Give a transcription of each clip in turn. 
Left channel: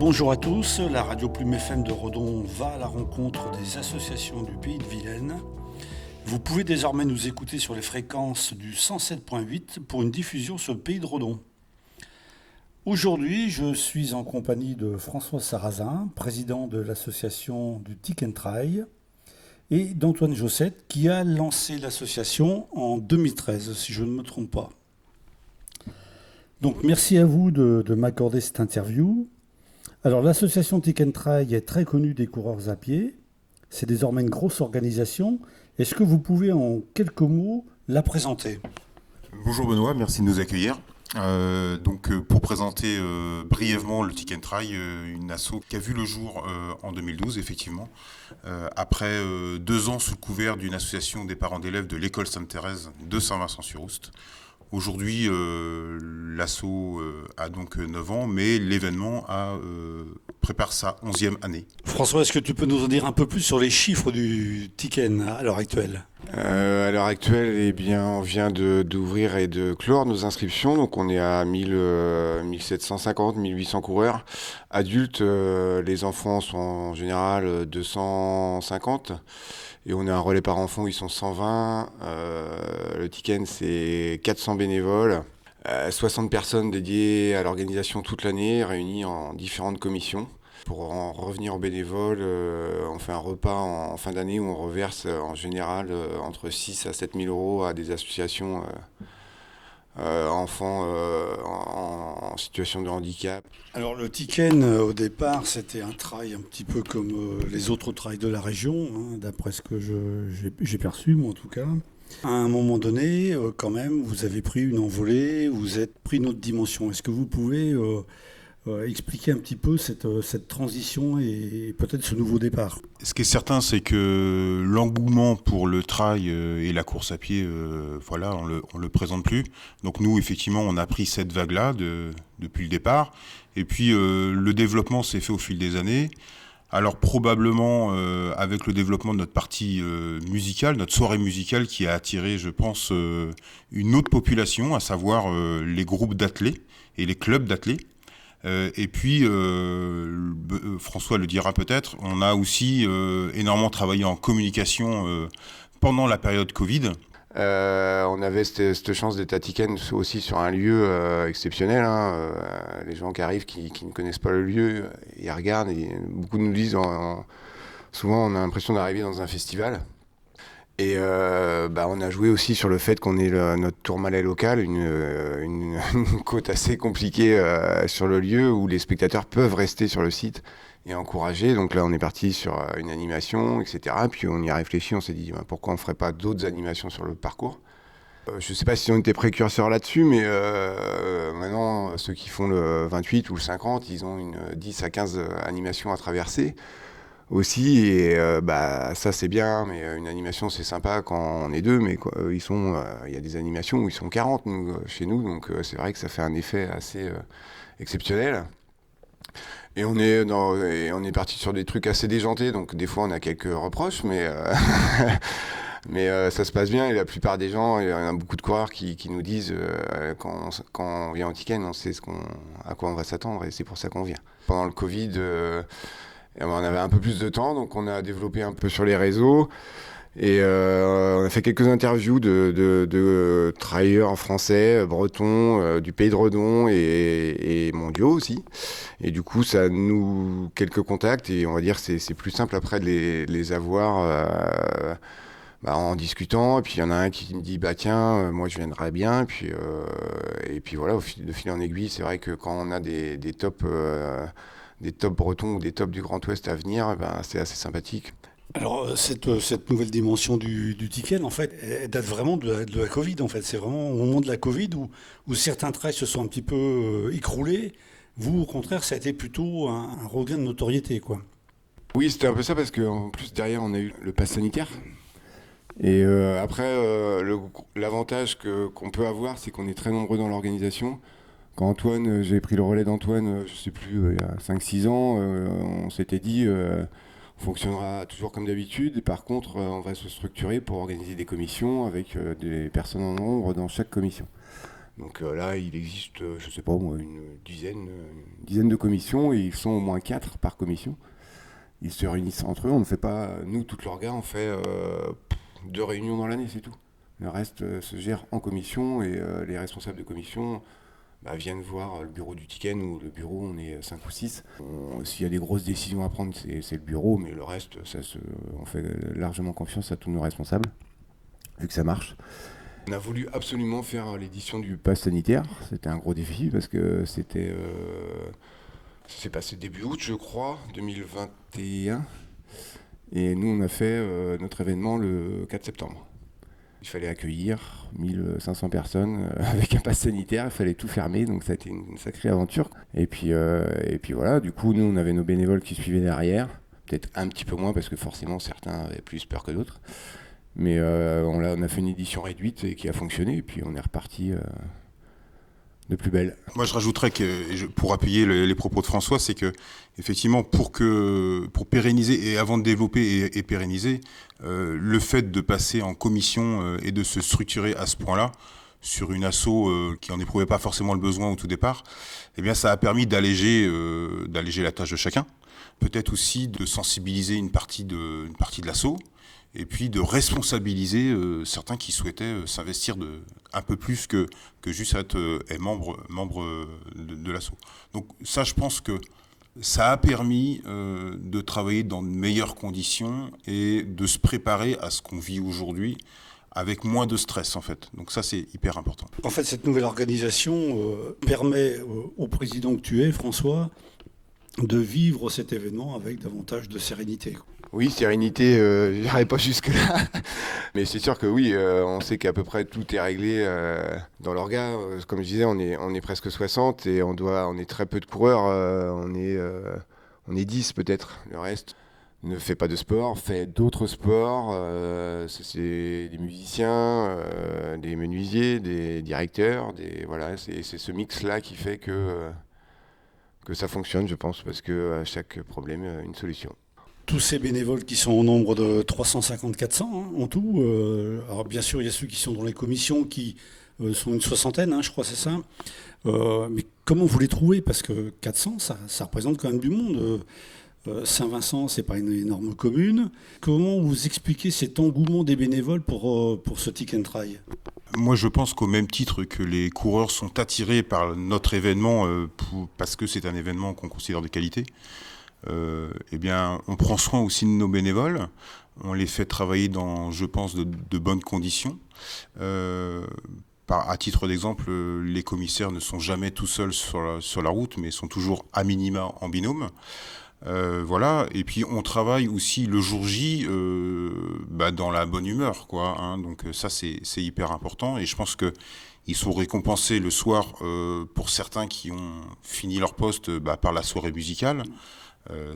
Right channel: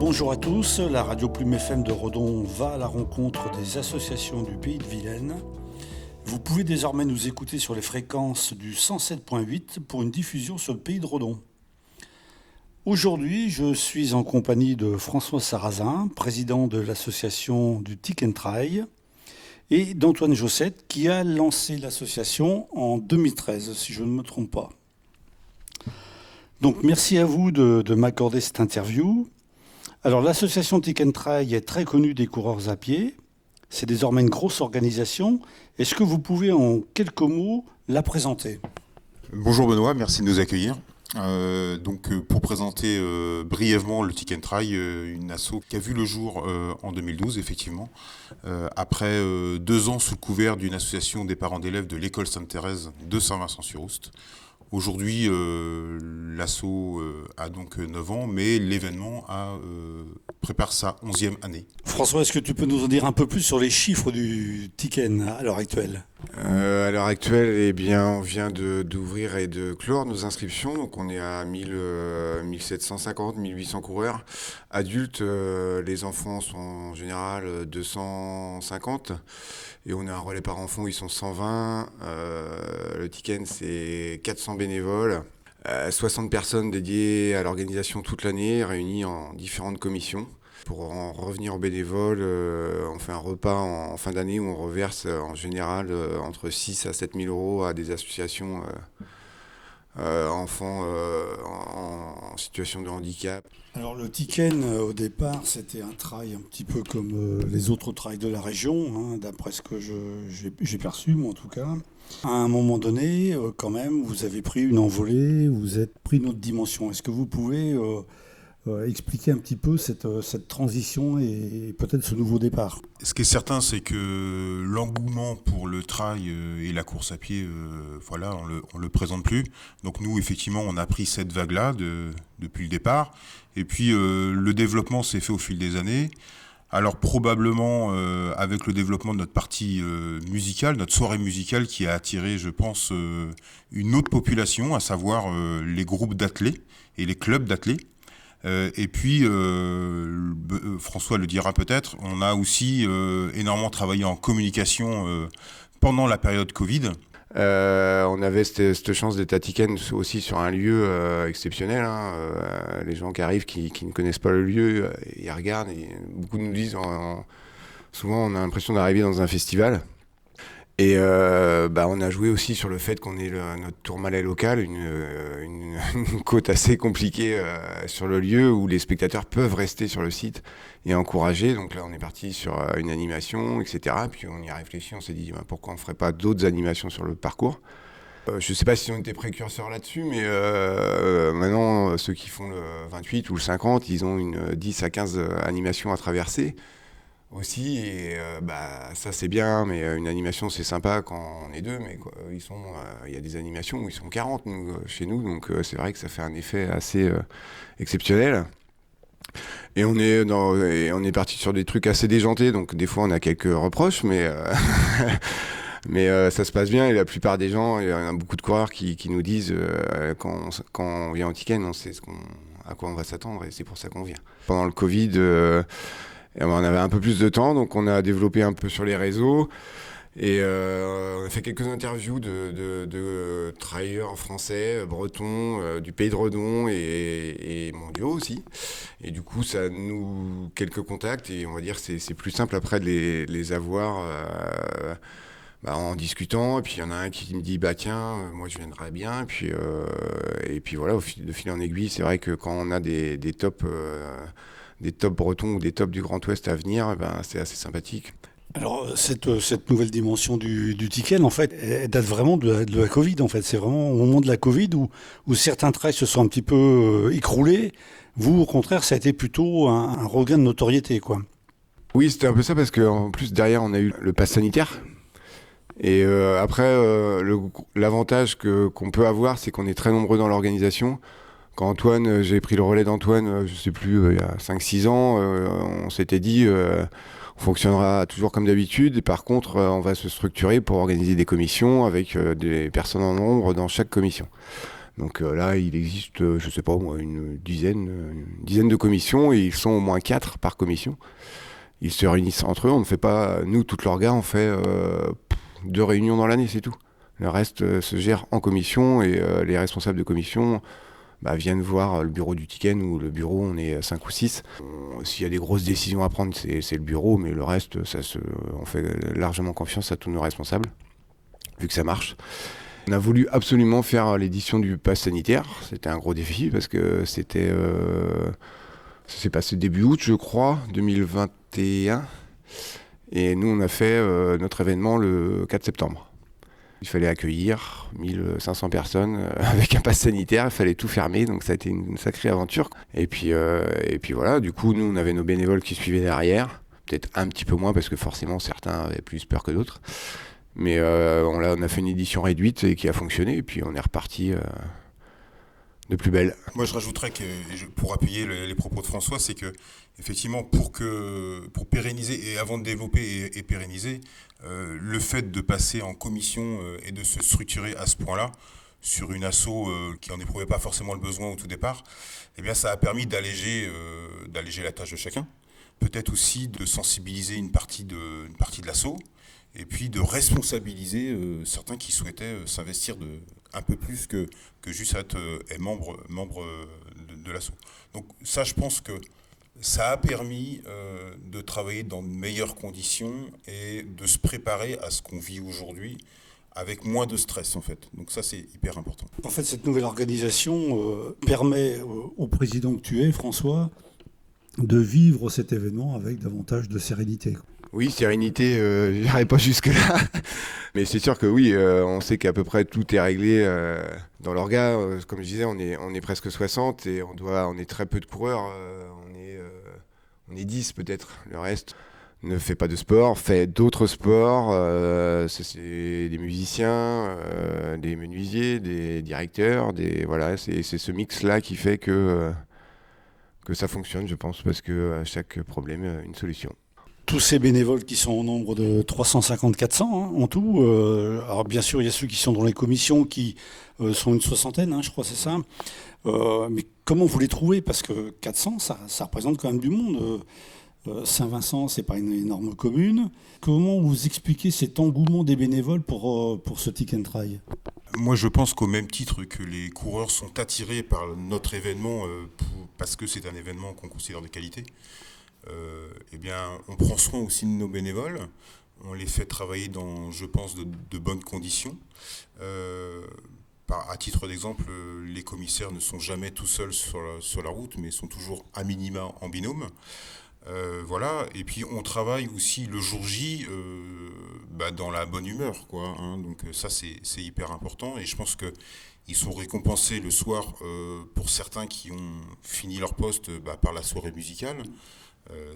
Bonjour à tous, la radio Plume FM de Redon va à la rencontre des associations du Pays de Vilaine. Vous pouvez désormais nous écouter sur les fréquences du 107.8 pour une diffusion sur le Pays de Redon. Aujourd'hui, je suis en compagnie de François Sarrazin, président de l'association du Tick and Try, et d'Antoine Jossette, qui a lancé l'association en 2013, si je ne me trompe pas. Donc merci à vous de m'accorder cette interview. Alors l'association Tick and Try est très connue des coureurs à pied. C'est désormais une grosse organisation. Est-ce que vous pouvez en quelques mots la présenter ? Bonjour Benoît, merci de nous accueillir. Pour présenter brièvement le Tick and Try, une asso qui a vu le jour en 2012 effectivement, après 2 ans sous le couvert d'une association des parents d'élèves de l'école Sainte-Thérèse de Saint-Vincent-sur-Oust. Aujourd'hui, l'asso a donc 9 ans, mais l'événement prépare sa 11e année. François, est-ce que tu peux nous en dire un peu plus sur les chiffres du Ticken à l'heure actuelle ? À l'heure actuelle, on vient d'ouvrir et de clore nos inscriptions. Donc on est à 1750, 1800 coureurs. Adultes, les enfants sont en général 250. Et on a un relais par enfant où ils sont 120. Le Ticken, c'est 400 bénévoles. 60 personnes dédiées à l'organisation toute l'année, réunies en différentes commissions. Pour en revenir aux bénévoles, on fait un repas en fin d'année où on reverse en général entre 6 à 7 000 euros à des associations enfants en situation de handicap. Alors le Ticken, au départ, c'était un trail un petit peu comme les autres trails de la région, d'après ce que j'ai perçu, moi en tout cas. À un moment donné, quand même, vous avez pris une envolée, vous êtes pris une autre dimension. Est-ce que vous pouvez expliquer un petit peu cette transition et peut-être ce nouveau départ ? Ce qui est certain, c'est que l'engouement pour le trail et la course à pied, on le présente plus. Donc nous, effectivement, on a pris cette vague-là depuis le départ. Et puis, le développement s'est fait au fil des années. Alors probablement avec le développement de notre partie musicale, notre soirée musicale qui a attiré, je pense, une autre population, à savoir les groupes d'athlètes et les clubs d'athlètes. Et puis, François le dira peut-être, on a aussi énormément travaillé en communication pendant la période Covid. On avait cette chance d'être à Ticken aussi sur un lieu exceptionnel. Les gens qui arrivent, qui ne connaissent pas le lieu, ils regardent et beaucoup nous disent, souvent on a l'impression d'arriver dans un festival. Et on a joué aussi sur le fait qu'on ait notre Tourmalet local, une côte assez compliquée sur le lieu où les spectateurs peuvent rester sur le site et encourager. Donc là, on est parti sur une animation, etc. Puis on y a réfléchi, on s'est dit pourquoi on ne ferait pas d'autres animations sur le parcours. Je ne sais pas si on était précurseurs là-dessus, mais maintenant, ceux qui font le 28 ou le 50, ils ont 10 à 15 animations à traverser aussi, et ça c'est bien, mais une animation c'est sympa quand on est deux, mais il y a des animations où ils sont 40 chez nous, donc c'est vrai que ça fait un effet assez exceptionnel. Et on est parti sur des trucs assez déjantés, donc des fois on a quelques reproches, mais ça se passe bien, et la plupart des gens, il y en a beaucoup de coureurs qui nous disent quand on vient au Ticken, on sait à quoi on va s'attendre, et c'est pour ça qu'on vient. Pendant le Covid, on avait un peu plus de temps, donc on a développé un peu sur les réseaux, et on a fait quelques interviews de trailleurs français, bretons, du Pays de Redon et mondiaux aussi. Et du coup, ça nous quelques contacts, et on va dire c'est plus simple après de les avoir en discutant. Et puis il y en a un qui me dit tiens, moi je viendrais bien. Et puis voilà, de fil en aiguille, c'est vrai que quand on a des tops bretons ou des tops du Grand Ouest à venir, c'est assez sympathique. Alors cette nouvelle dimension du Ticken, en fait, elle date vraiment de la Covid. En fait, c'est vraiment au moment de la Covid où certains trails se sont un petit peu écroulés. Vous, au contraire, ça a été plutôt un regain de notoriété, quoi. Oui, c'était un peu ça, parce qu'en plus derrière on a eu le pass sanitaire. Et après, l'avantage qu'on peut avoir, c'est qu'on est très nombreux dans l'organisation. Quand j'ai pris le relais d'Antoine, je sais plus, il y a 5-6 ans, on s'était dit on fonctionnera toujours comme d'habitude. Et par contre, on va se structurer pour organiser des commissions avec des personnes en nombre dans chaque commission. Donc là, il existe, je sais pas moi, une dizaine de commissions, et ils sont au moins 4 par commission. Ils se réunissent entre eux, on ne fait pas, nous, toute l'orga, on fait 2 réunions dans l'année, c'est tout. Le reste se gère en commission, et les responsables de commission viennent voir le bureau du Tiken, ou le bureau, on est 5 ou 6. S'il y a des grosses décisions à prendre, c'est le bureau, mais le reste, on fait largement confiance à tous nos responsables, vu que ça marche. On a voulu absolument faire l'édition du pass sanitaire. C'était un gros défi parce que ça s'est passé début août, je crois, 2021. Et nous, on a fait notre événement le 4 septembre. Il fallait accueillir 1500 personnes avec un pass sanitaire. Il fallait tout fermer, donc ça a été une sacrée aventure. Et puis voilà, du coup, nous, on avait nos bénévoles qui suivaient derrière. Peut-être un petit peu moins parce que forcément, certains avaient plus peur que d'autres. Mais on a fait une édition réduite et qui a fonctionné, et puis on est reparti de plus belle. Moi, je rajouterais que, pour appuyer les propos de François, c'est que effectivement, pour pérenniser et avant de développer et pérenniser, le fait de passer en commission et de se structurer à ce point-là sur une asso qui en éprouvait pas forcément le besoin au tout départ, eh bien, ça a permis d'alléger la tâche de chacun. Peut-être aussi de sensibiliser une partie de l'asso. Et puis de responsabiliser certains qui souhaitaient s'investir un peu plus que juste être membre de l'asso. Donc ça, je pense que ça a permis de travailler dans de meilleures conditions et de se préparer à ce qu'on vit aujourd'hui avec moins de stress, en fait. Donc ça, c'est hyper important. En fait, cette nouvelle organisation permet au président que tu es, François, de vivre cet événement avec davantage de sérénité. Oui, sérénité, je n'irai pas jusque-là. Mais c'est sûr que oui, on sait qu'à peu près tout est réglé dans l'orga. Comme je disais, on est presque 60 et on est très peu de coureurs. On est 10 peut-être. Le reste ne fait pas de sport, fait d'autres sports. C'est des musiciens, des menuisiers, des directeurs. Voilà, c'est ce mix-là qui fait que ça fonctionne, je pense, parce qu'à chaque problème, une solution. Tous ces bénévoles qui sont au nombre de 350-400 en tout. Alors bien sûr, il y a ceux qui sont dans les commissions qui sont une soixantaine, je crois, c'est ça. Mais comment vous les trouvez? Parce que 400, ça représente quand même du monde. Saint-Vincent, c'est pas une énorme commune. Comment vous expliquez cet engouement des bénévoles pour ce Tiken Trail? Moi, je pense qu'au même titre que les coureurs sont attirés par notre événement parce que c'est un événement qu'on considère de qualité, eh bien, on prend soin aussi de nos bénévoles. On les fait travailler dans, je pense, de bonnes conditions. À titre d'exemple, les commissaires ne sont jamais tout seuls sur la route, mais sont toujours à minima en binôme. Voilà, et puis on travaille aussi le jour J dans la bonne humeur, quoi, donc ça c'est hyper important, et je pense que ils sont récompensés le soir pour certains qui ont fini leur poste par la soirée musicale.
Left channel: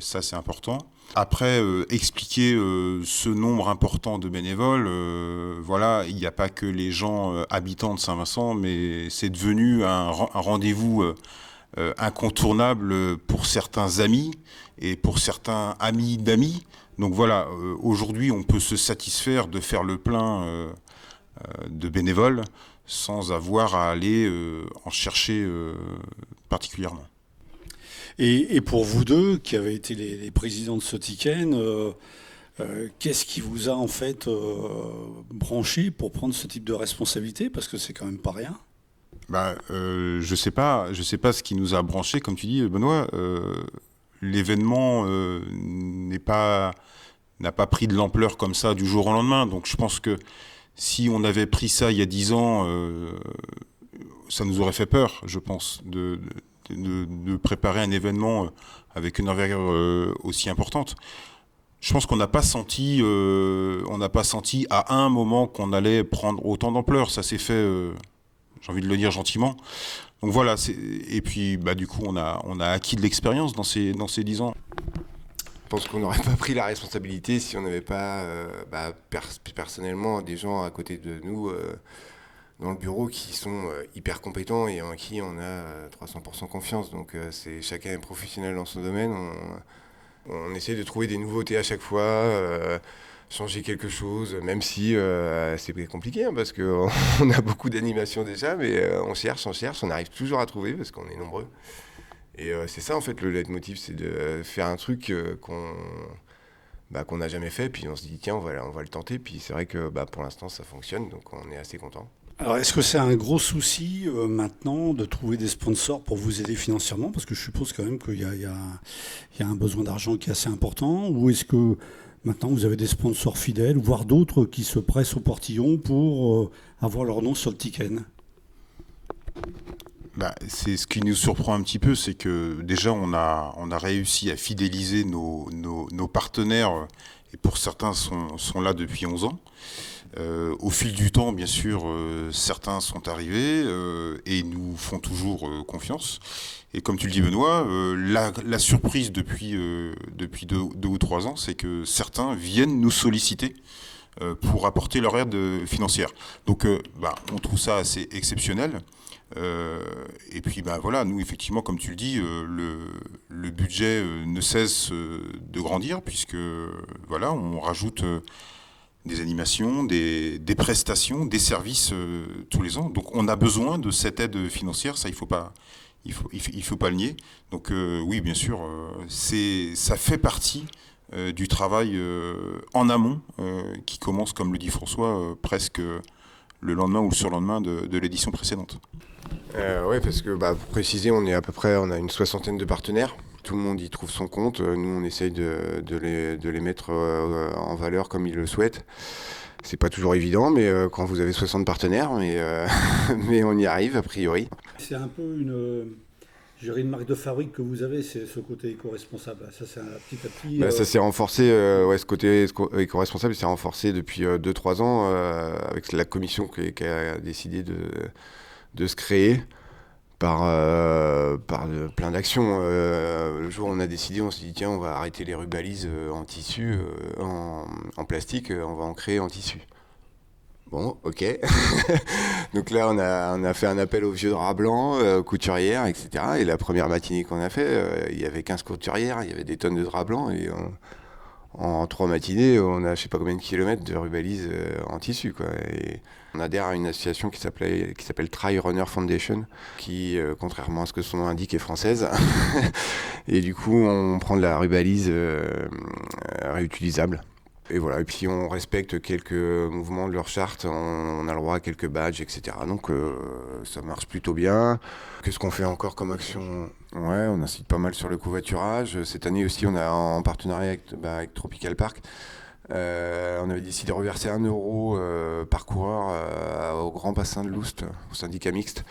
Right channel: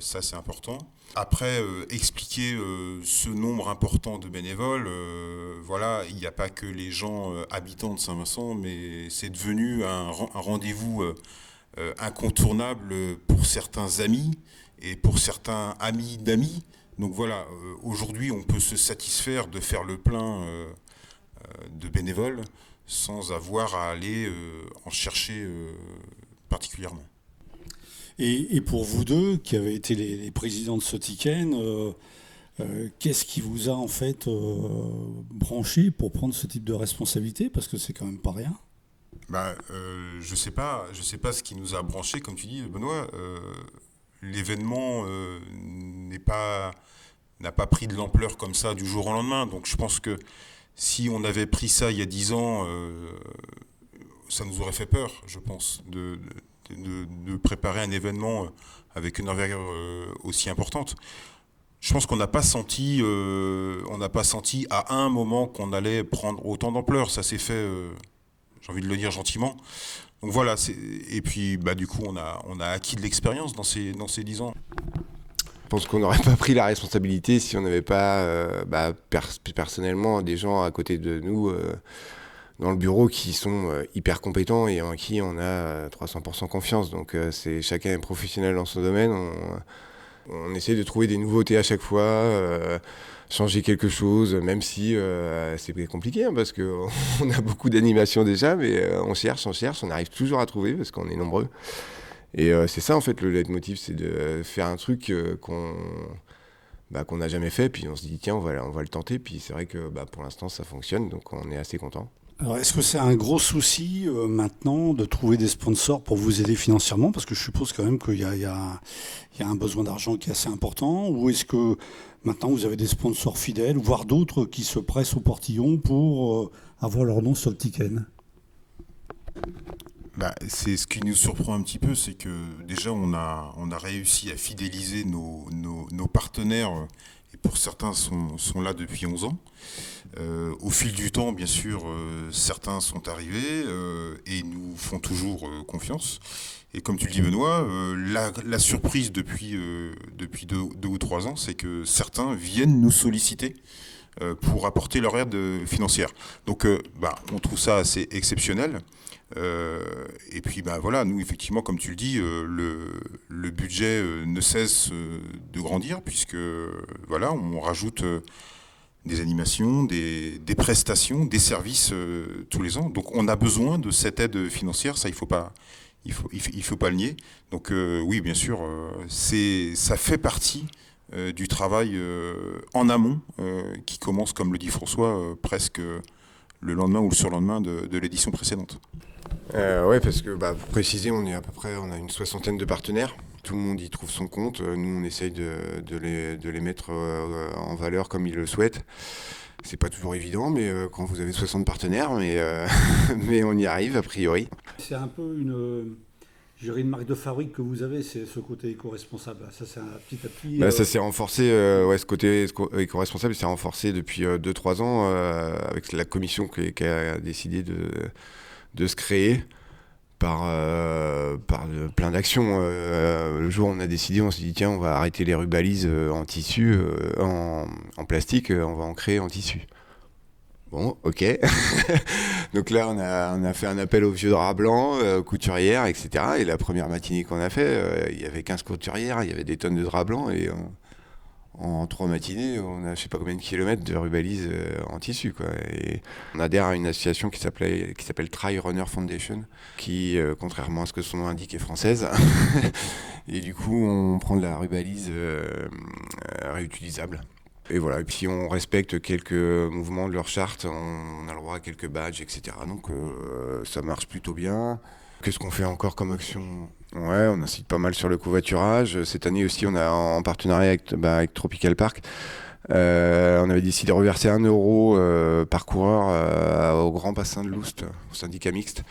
Ça c'est important. Après, expliquer ce nombre important de bénévoles, voilà, il n'y a pas que les gens habitants de Saint-Vincent, mais c'est devenu un rendez-vous incontournable pour certains amis et pour certains amis d'amis. Donc voilà, aujourd'hui on peut se satisfaire de faire le plein de bénévoles sans avoir à aller en chercher particulièrement. Et pour vous deux, qui avez été les présidents de ce Tiken, qu'est-ce qui vous a en fait branché pour prendre ce type de responsabilité? Parce que c'est quand même pas rien. Je sais pas ce qui nous a branchés, comme tu dis, Benoît. L'événement n'a pas pris de l'ampleur comme ça du jour au lendemain. Donc je pense que si on avait pris ça il y a 10 ans, ça nous aurait fait peur, je pense, de préparer un événement avec une envergure aussi importante. Je pense qu'on n'a pas senti à un moment qu'on allait prendre autant d'ampleur. Ça s'est fait, j'ai envie de le dire gentiment. Donc voilà, et puis du coup on a acquis de l'expérience dans ces 10 ans. Je pense qu'on n'aurait pas pris la responsabilité si on n'avait pas personnellement des gens à côté de nous dans le bureau qui sont hyper compétents et en qui on a 300% confiance. Donc chacun est professionnel dans son domaine. On essaie de trouver des nouveautés à chaque fois. changer quelque chose, même si c'est compliqué, hein, parce qu'on a beaucoup d'animations déjà, mais on cherche, on arrive toujours à trouver parce qu'on est nombreux. Et c'est ça en fait le leitmotiv, c'est de faire un truc qu'on n'a jamais fait, puis on se dit tiens on va le tenter, puis c'est vrai que pour l'instant ça fonctionne, donc on est assez content. Alors, est-ce que c'est un gros souci maintenant de trouver des sponsors pour vous aider financièrement? Parce que je suppose quand même qu'il y a un besoin d'argent qui est assez important. Ou est-ce que maintenant vous avez des sponsors fidèles, voire d'autres qui se pressent au portillon pour avoir leur nom sur le Tiken? C'est ce qui nous surprend un petit peu, c'est que déjà on a réussi à fidéliser nos partenaires, et pour certains sont là depuis 11 ans. Au fil du temps, bien sûr, certains sont arrivés et nous font toujours confiance. Et comme tu le dis, Benoît, la surprise depuis 2 ou 3 ans, c'est que certains viennent nous solliciter pour apporter leur aide financière. Donc on trouve ça assez exceptionnel. Et puis voilà, nous effectivement, comme tu le dis, le budget ne cesse de grandir, puisque voilà, on rajoute des animations, des prestations, des services tous les ans. Donc on a besoin de cette aide financière, ça il faut pas le nier. Donc oui, bien sûr, ça fait partie du travail en amont qui commence, comme le dit François, presque le lendemain ou le surlendemain de l'édition précédente. Ouais, parce que pour préciser, on a une 60aine de partenaires. Tout le monde y trouve son compte. Nous, on essaye de les mettre en valeur comme ils le souhaitent. C'est pas toujours évident, mais quand vous avez 60 partenaires, mais on y arrive a priori. C'est un peu une marque de fabrique que vous avez, c'est ce côté éco-responsable. Ça, c'est petit à petit. Ça s'est renforcé, ce côté éco-responsable s'est renforcé depuis 2-3 ans avec la commission qui a décidé de se créer par plein d'actions. Le jour où on a décidé, on s'est dit tiens, on va arrêter les rubalises en tissu, en plastique, on va en créer en tissu. Bon, ok. Donc là, on a fait un appel aux vieux draps blancs, couturières, etc. Et la première matinée qu'on a fait, il y avait 15 couturières, il y avait des tonnes de draps blancs, et en 3 matinées, on a je sais pas combien de kilomètres de rubalises en tissu, quoi. Et on adhère à une association qui s'appelle Trail Runner Foundation, qui, contrairement à ce que son nom indique, est française. Et du coup, on prend de la rubalise réutilisable. Et voilà, et puis on respecte quelques mouvements de leur charte, on a le droit à quelques badges, etc. Donc ça marche plutôt bien. Qu'est-ce qu'on fait encore comme action ? Ouais, on incite pas mal sur le covoiturage. Cette année aussi, on a en partenariat avec Tropical Park, on avait décidé de reverser 1 euro par coureur au Grand Bassin de Loust, au syndicat mixte.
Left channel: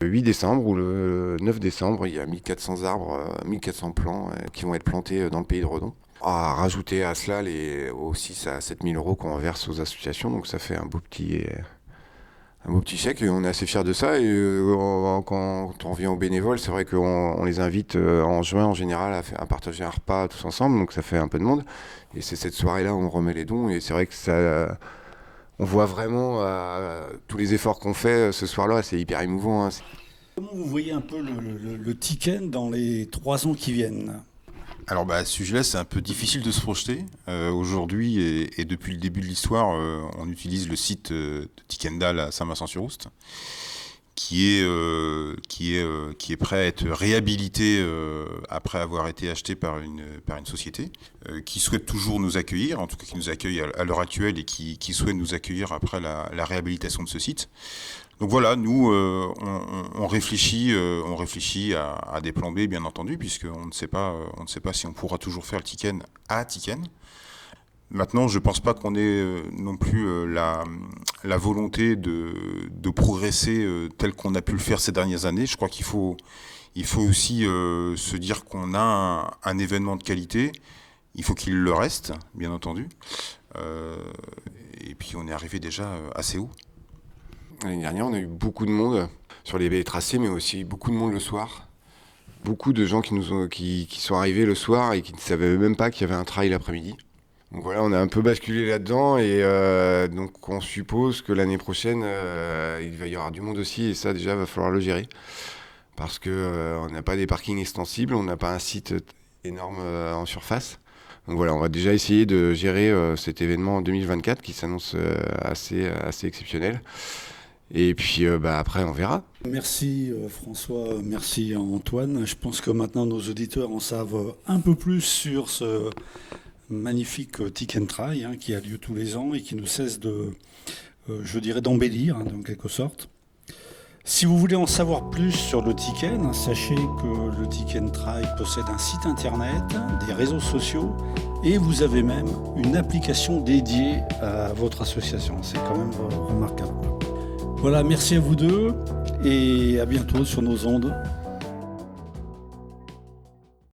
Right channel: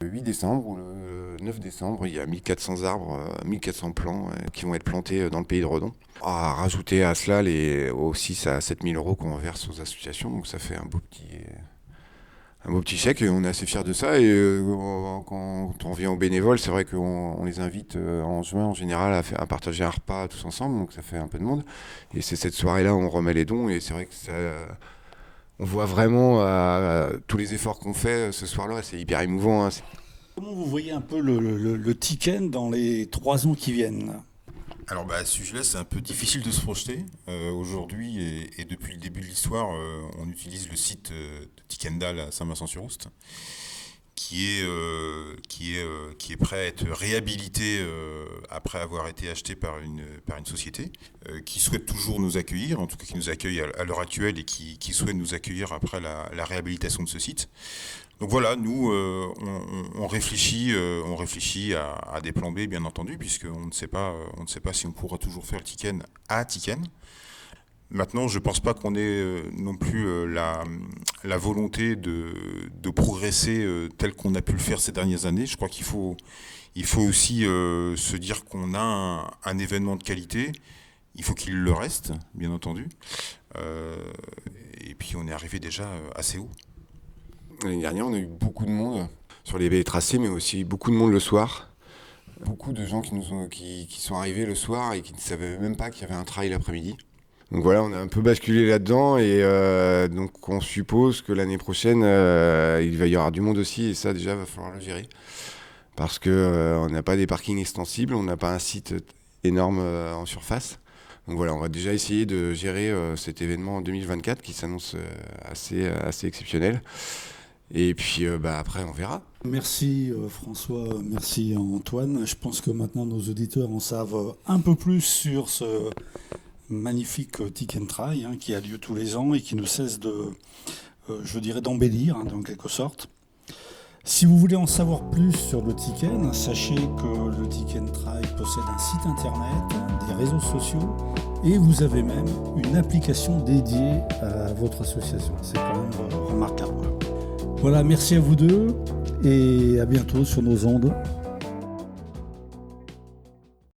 Le 8 décembre ou le 9 décembre, il y a 1400 arbres, 1400 plants qui vont être plantés dans le pays de Redon. À rajouter à cela les 6 à 7 000 euros qu'on verse aux associations, donc ça fait un beau petit chèque, et on est assez fiers de ça. Et quand on revient aux bénévoles, c'est vrai qu'on les invite en juin en général à partager un repas tous ensemble, donc ça fait un peu de monde. Et c'est cette soirée-là où on remet les dons, et c'est vrai que on voit vraiment tous les efforts qu'on fait ce soir-là, c'est hyper émouvant, hein. Comment vous voyez un peu le Tiken dans les 3 ans qui viennent ? Alors à ce sujet-là, c'est un peu difficile de se projeter. Aujourd'hui, et depuis le début de l'histoire, on utilise le site de Tikendal à Saint-Vincent-sur-Oust, qui est prêt à être réhabilité après avoir été acheté par une société qui souhaite toujours nous accueillir, en tout cas qui nous accueille à l'heure actuelle et qui souhaite nous accueillir après la réhabilitation de ce site. Donc voilà, nous, on réfléchit à des plans B, bien entendu, puisqu'on ne sait pas si on pourra toujours faire le Tiken à Tiken. Maintenant, je ne pense pas qu'on ait non plus la volonté de progresser tel qu'on a pu le faire ces dernières années. Je crois qu'il faut aussi se dire qu'on a un événement de qualité. Il faut qu'il le reste, bien entendu. Et puis, on est arrivé déjà assez haut. L'année dernière, on a eu beaucoup de monde sur les baies tracées, mais aussi beaucoup de monde le soir. Beaucoup de gens qui sont arrivés le soir et qui ne savaient même pas qu'il y avait un trail l'après-midi. Donc voilà, on a un peu basculé là-dedans, et donc on suppose que l'année prochaine, il va y avoir du monde aussi, et ça déjà, va falloir le gérer. Parce qu'on n'a pas des parkings extensibles, on n'a pas un site énorme en surface. Donc voilà, on va déjà essayer de gérer cet événement en 2024 qui s'annonce assez exceptionnel. Et puis après, on verra. Merci François, merci Antoine. Je pense que maintenant nos auditeurs en savent un peu plus sur ce magnifique Tick and Try qui a lieu tous les ans et qui ne cesse je dirais, d'embellir en quelque sorte. Si vous voulez en savoir plus sur le Ticken, sachez que le Tick and Try possède un site internet, des réseaux sociaux et vous avez même une application dédiée à votre association. C'est quand même remarquable. Voilà, merci à vous deux et à bientôt sur nos ondes.